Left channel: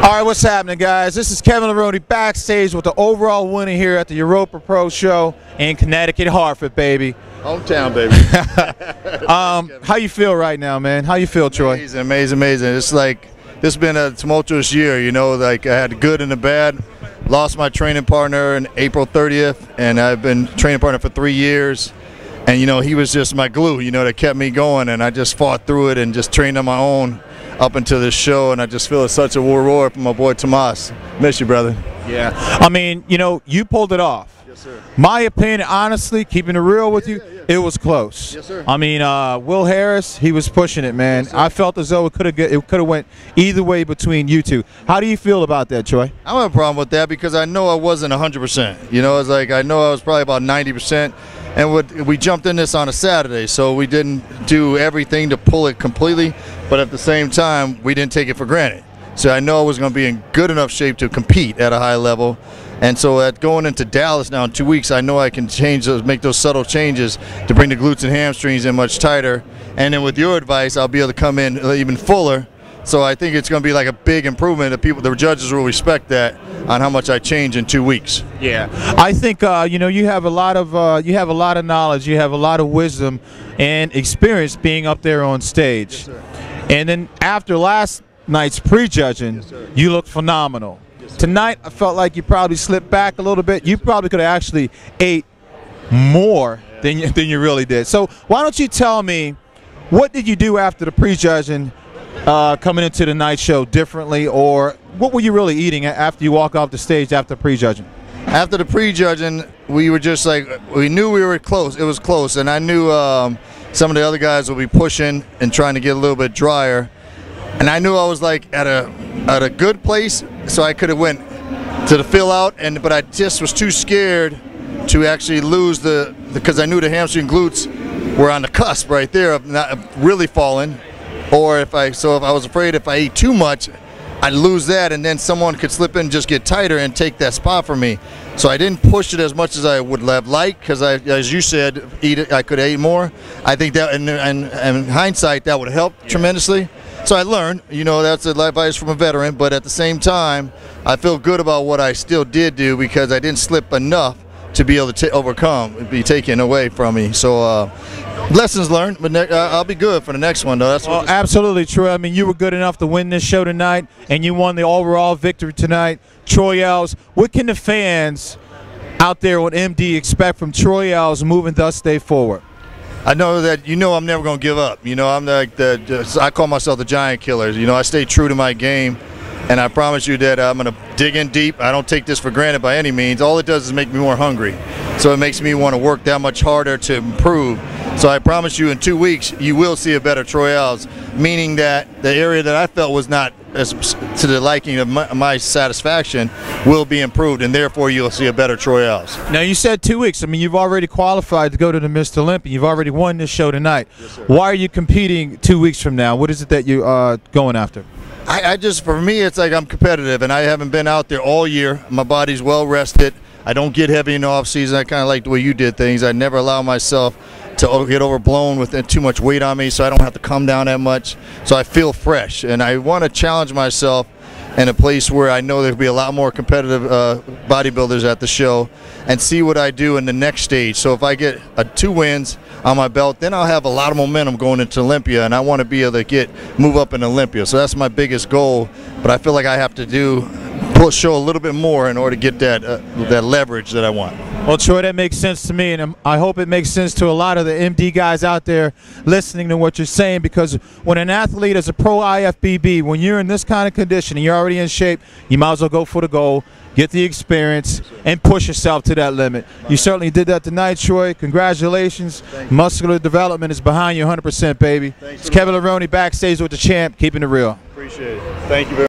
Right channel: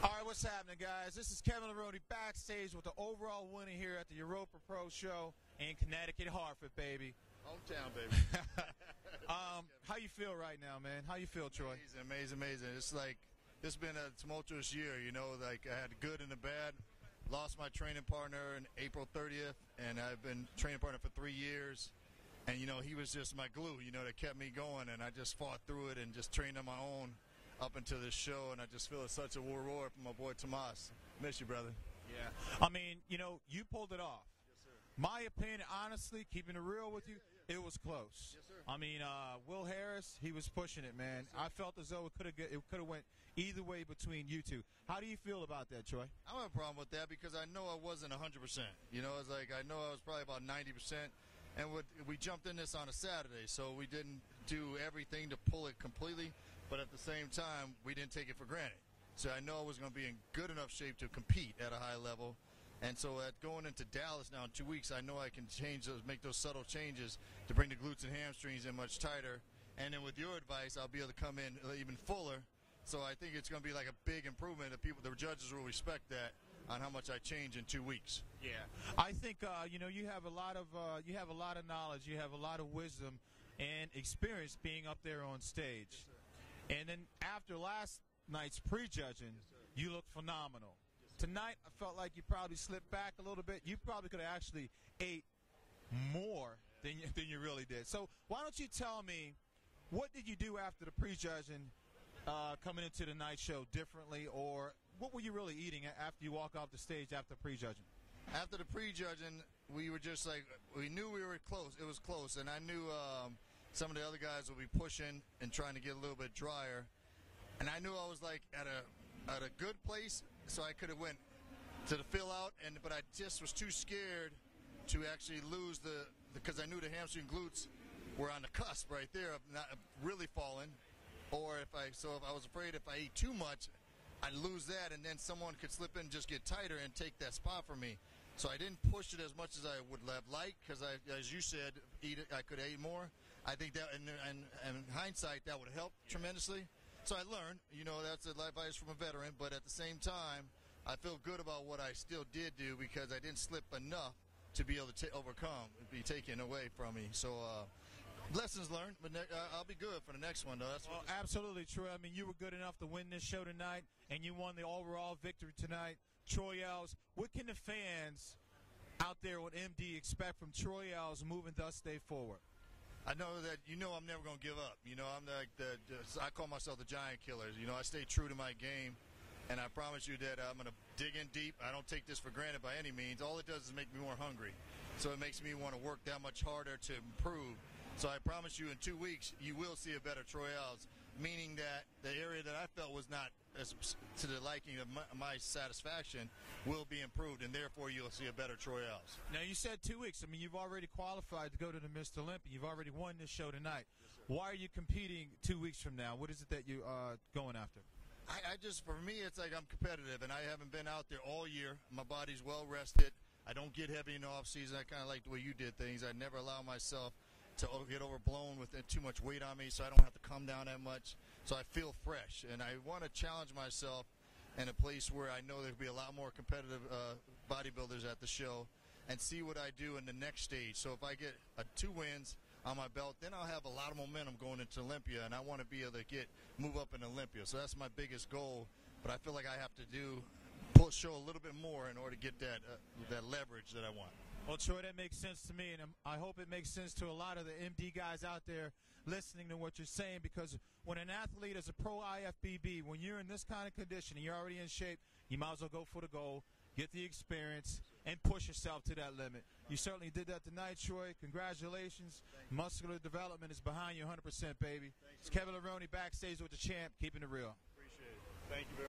All right, what's happening, guys? This is Kevin Leroney backstage with the overall winner here at the Europa Pro Show in Connecticut, Hartford, baby. Hometown, baby. How you feel right now, man? How you feel, Troy? Amazing, amazing, amazing. It's like this has been a tumultuous year, you know. Like I had the good and the bad. Lost my training partner on April 30th, and I've been training partner for 3 years. And you know, he was just my glue, you know, that kept me going. And I just fought through it and just trained on my own up until this show, and I just feel it's such a war from my boy Tomas. Miss you, brother. Yeah. I mean, you know, you pulled it off. Yes, sir. My opinion, honestly, keeping it real with you, it was close. Yes, sir. I mean, Will Harris, he was pushing it, man. Yes, I felt as though it could have went either way between you two. How do you feel about that, Troy? I don't have a problem with that because I know I wasn't 100%. You know, it's like I know I was probably about 90%. And we jumped in this on a Saturday, so we didn't do everything to pull it completely, but at the same time, we didn't take it for granted. So I know I was going to be in good enough shape to compete at a high level. And so at going into Dallas now in 2 weeks, I know I can make those subtle changes to bring the glutes and hamstrings in much tighter. And then with your advice, I'll be able to come in even fuller. So I think it's going to be like a big improvement. The judges will respect that on how much I change in 2 weeks. Yeah, I think you know, you have a lot of knowledge, you have a lot of wisdom and experience being up there on stage. Yes, sir. And then after last night's prejudging, yes, sir, you looked phenomenal. Yes, sir. Tonight, I felt like you probably slipped back a little bit. You probably could have actually ate more than you really did. So why don't you tell me, what did you do after the prejudging? Coming into the night show differently, or what were you really eating after you walk off the stage after prejudging? After the prejudging, we were just like, we knew we were close. It was close, and I knew some of the other guys would be pushing and trying to get a little bit drier, and I knew I was like at a good place, so I could have went to the fill out, but I just was too scared to actually lose because I knew the hamstring glutes were on the cusp right there of not really falling. Or if I was afraid if I ate too much, I'd lose that, and then someone could slip in and just get tighter and take that spot from me. So I didn't push it as much as I would have liked, because as you said, I could have ate more. I think that, in hindsight, that would have helped tremendously. So I learned, you know, that's advice from a veteran, but at the same time, I feel good about what I still did do because I didn't slip enough to be able to be taken away from me. So lessons learned, but I'll be good for the next one, though. Well, absolutely, Troy. I mean, you were good enough to win this show tonight, and you won the overall victory tonight. Troy Alves, what can the fans out there on MD expect from Troy Alves moving thus day forward? I know that, you know, I'm never going to give up. You know, I'm like I call myself the giant killer. You know, I stay true to my game. And I promise you that I'm going to dig in deep. I don't take this for granted by any means. All it does is make me more hungry. So it makes me want to work that much harder to improve. So I promise you in 2 weeks, you will see a better Troy Alves, meaning that the area that I felt was not as to the liking of my satisfaction will be improved, and therefore you'll see a better Troy Alves. Now, you said 2 weeks. I mean, you've already qualified to go to the Mr. Olympia. You've already won this show tonight. Yes, sir. Why are you competing 2 weeks from now? What is it that you're going after? For me, it's like I'm competitive, and I haven't been out there all year. My body's well rested. I don't get heavy in the off season. I kind of like the way you did things. I never allow myself to get overblown with too much weight on me, so I don't have to come down that much. So I feel fresh, and I want to challenge myself in a place where I know there'll be a lot more competitive bodybuilders at the show, and see what I do in the next stage. So if I get 2 wins on my belt, then I'll have a lot of momentum going into Olympia, and I want to be able to move up in Olympia. So that's my biggest goal, but I feel like I have to show a little bit more in order to get that leverage that I want. Well, Troy, that makes sense to me, and I hope it makes sense to a lot of the MD guys out there listening to what you're saying, because when an athlete is a pro IFBB, when you're in this kind of condition and you're already in shape, you might as well go for the goal, get the experience, and push yourself to that limit. You certainly did that tonight, Troy. Congratulations. Muscular development is behind you 100%, baby. It's Kevin Leroney backstage with the champ, keeping it real. Appreciate it. Thank you very much.